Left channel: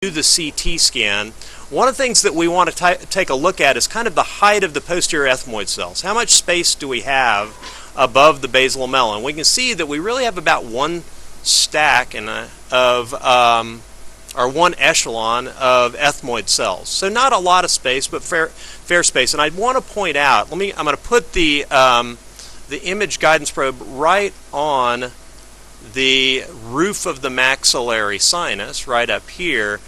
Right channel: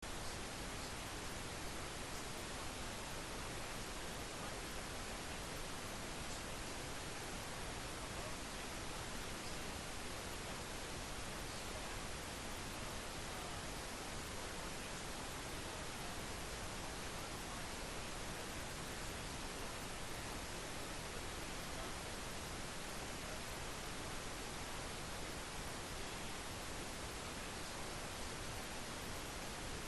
do the CT scan, one of the things that we want to take a look at is kind of the height of the posterior ethmoid cells. How much space do we have above the basal lamella? And we can see that we really have about one stack or one echelon of ethmoid cells. So not a lot of space, but fair space. And I want to point out, I'm going to put the image guidance probe right on the roof of the maxillary sinus right up here,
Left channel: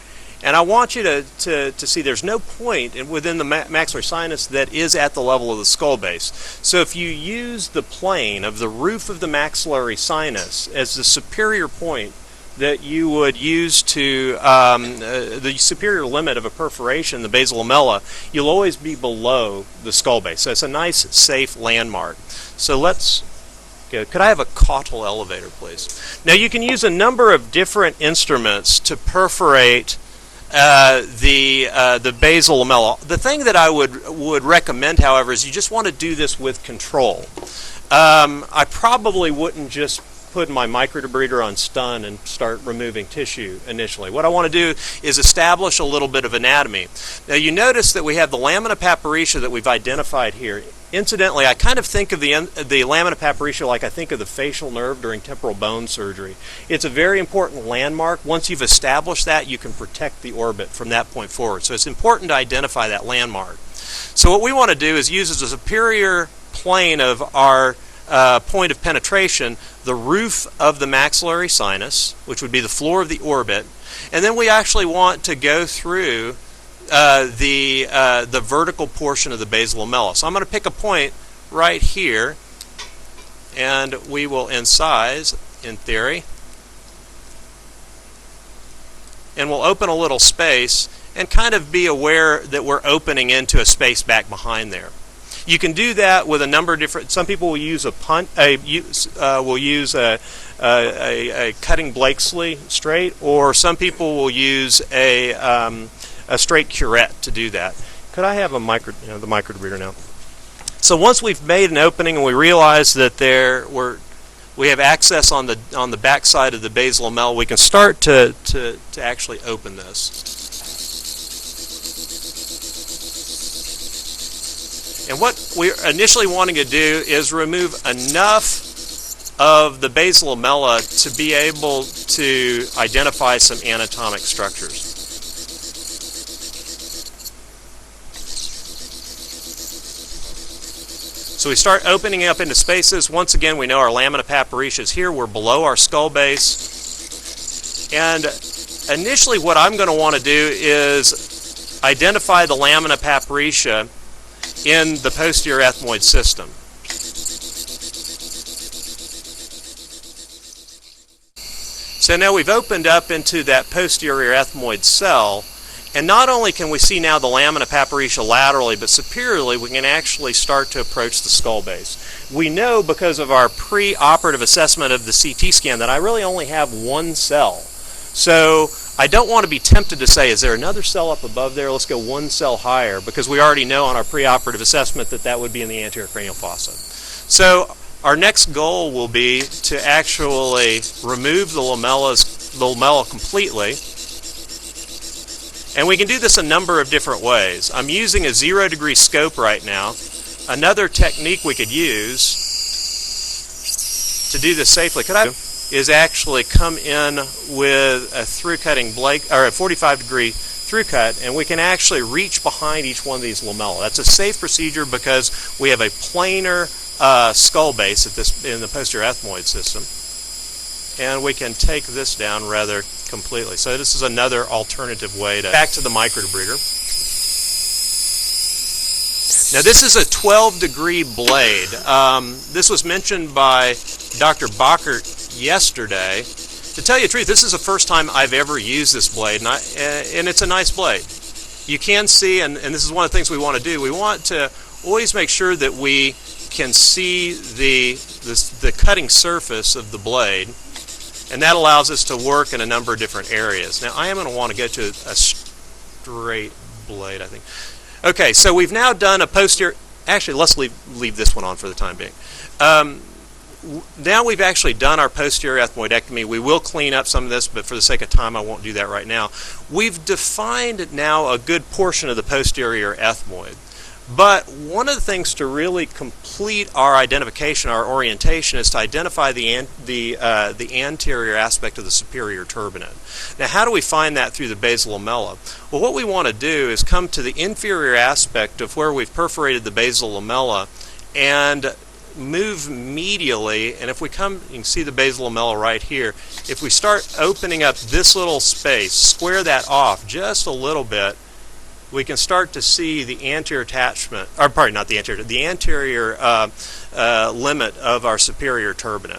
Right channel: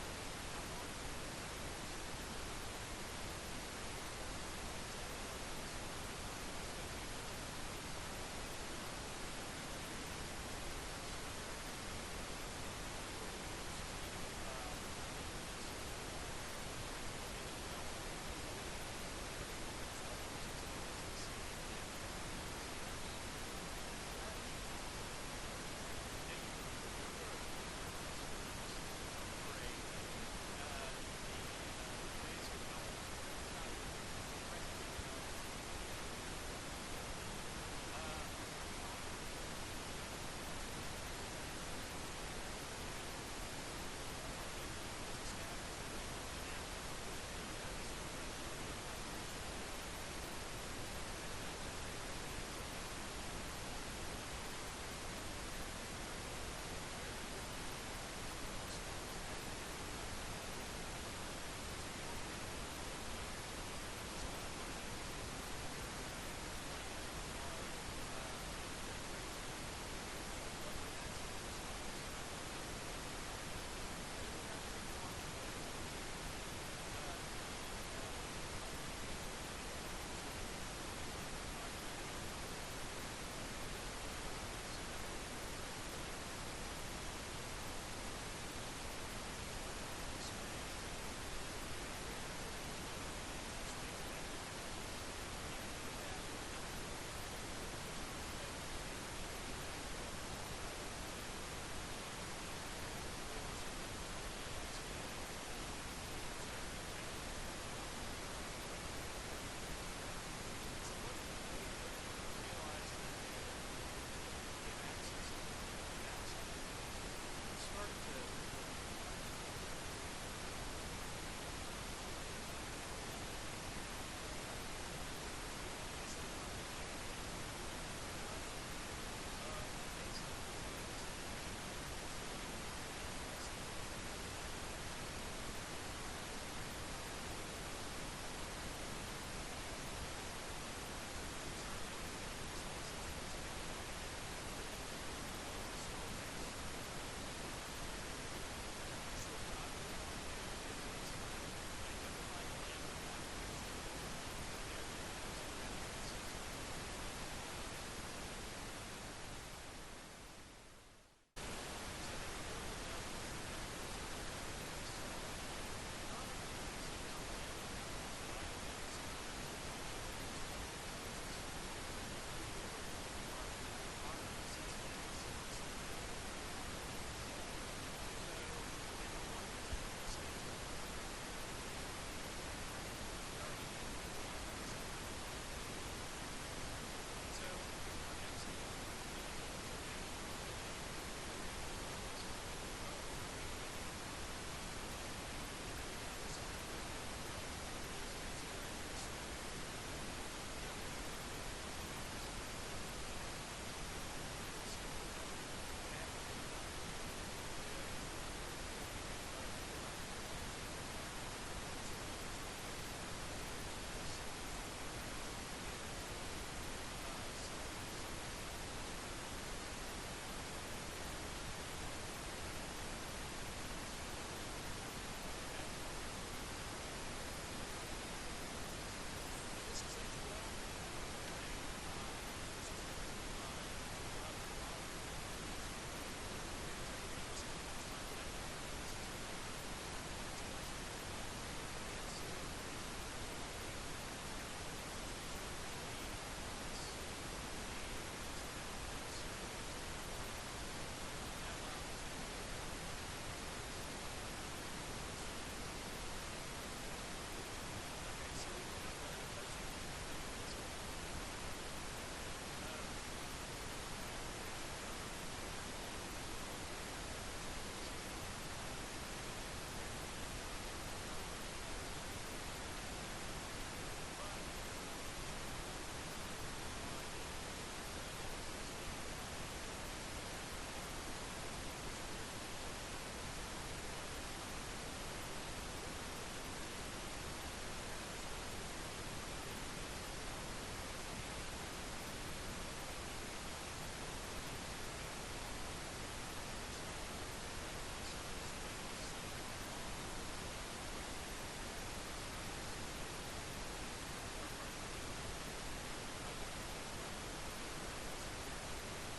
and I want you to see there's no point within the maxillary sinus that is at the level of the skull base. So if you use the plane of the roof of the maxillary sinus as the superior point that you would use to the superior limit of a perforation, the basal lamella, you'll always be below the skull base. So it's a nice, safe landmark. So let's go. Could I have a caudal elevator, please? Now you can use a number of different instruments to perforate the basal lamella. The thing that I would recommend, however, is you just want to do this with control. I probably wouldn't just put my microdebrider on stun and start removing tissue initially. What I want to do is establish a little bit of anatomy. Now you notice that we have the lamina papyrica that we've identified here. Incidentally, I kind of think of the lamina papyrica like I think of the facial nerve during temporal bone surgery. It's a very important landmark. Once you've established that, you can protect the orbit from that point forward. So it's important to identify that landmark. So what we want to do is use as a superior plane of our point of penetration the roof of the maxillary sinus, which would be the floor of the orbit, and then we actually want to go through the vertical portion of the basal lamella. So I'm going to pick a point right here, and we will incise, in theory, and we'll open a little space and kind of be aware that we're opening into a space back behind there. You can do that with a number of different. Some people will use a cutting Blakesley straight, or some people will use a straight curette to do that. Could I have the microdebrider now? So once we've made an opening and we realize that we have access on the back side of the basal lamella, we can start to actually open this. And what we're initially wanting to do is remove enough of the basal lamella to be able to identify some anatomic structures. So we start opening up into spaces. Once again, we know our lamina papyrica is here. We're below our skull base. And initially what I'm going to want to do is identify the lamina papyrica in the posterior ethmoid system. So now we've opened up into that posterior ethmoid cell, and not only can we see now the lamina papyrica laterally, but superiorly we can actually start to approach the skull base. We know because of our pre-operative assessment of the CT scan that I really only have one cell. So I don't want to be tempted to say, is there another cell up above there? Let's go one cell higher, because we already know on our preoperative assessment that that would be in the anterior cranial fossa. So our next goal will be to actually remove the lamella completely. And we can do this a number of different ways. I'm using a 0-degree scope right now. Another technique we could use to do this safely is actually come in with a through-cutting blade, or a 45-degree through-cut, and we can actually reach behind each one of these lamella. That's a safe procedure because we have a planar skull base in the posterior ethmoid system, and we can take this down rather completely. So this is another alternative way to back to the microdebrider. Now this is a 12-degree blade. This was mentioned by Dr. Bachert yesterday. To tell you the truth, this is the first time I've ever used this blade, and it's a nice blade. You can see, and this is one of the things we want to do, we want to always make sure that we can see the cutting surface of the blade, and that allows us to work in a number of different areas. Now I am going to want to go to a straight blade, I think. Okay, so we've now done a posterior, actually let's leave this one on for the time being. now we've actually done our posterior ethmoidectomy. We will clean up some of this, but for the sake of time, I won't do that right now. We've defined now a good portion of the posterior ethmoid. But one of the things to really complete our identification, our orientation, is to identify the anterior aspect of the superior turbinate. Now, how do we find that through the basal lamella? Well, what we want to do is come to the inferior aspect of where we've perforated the basal lamella and move medially, and if we come, you can see the basal lamella right here. If we start opening up this little space, square that off just a little bit, we can start to see the anterior attachment, or pardon, not the anterior, the anterior limit of our superior turbinate.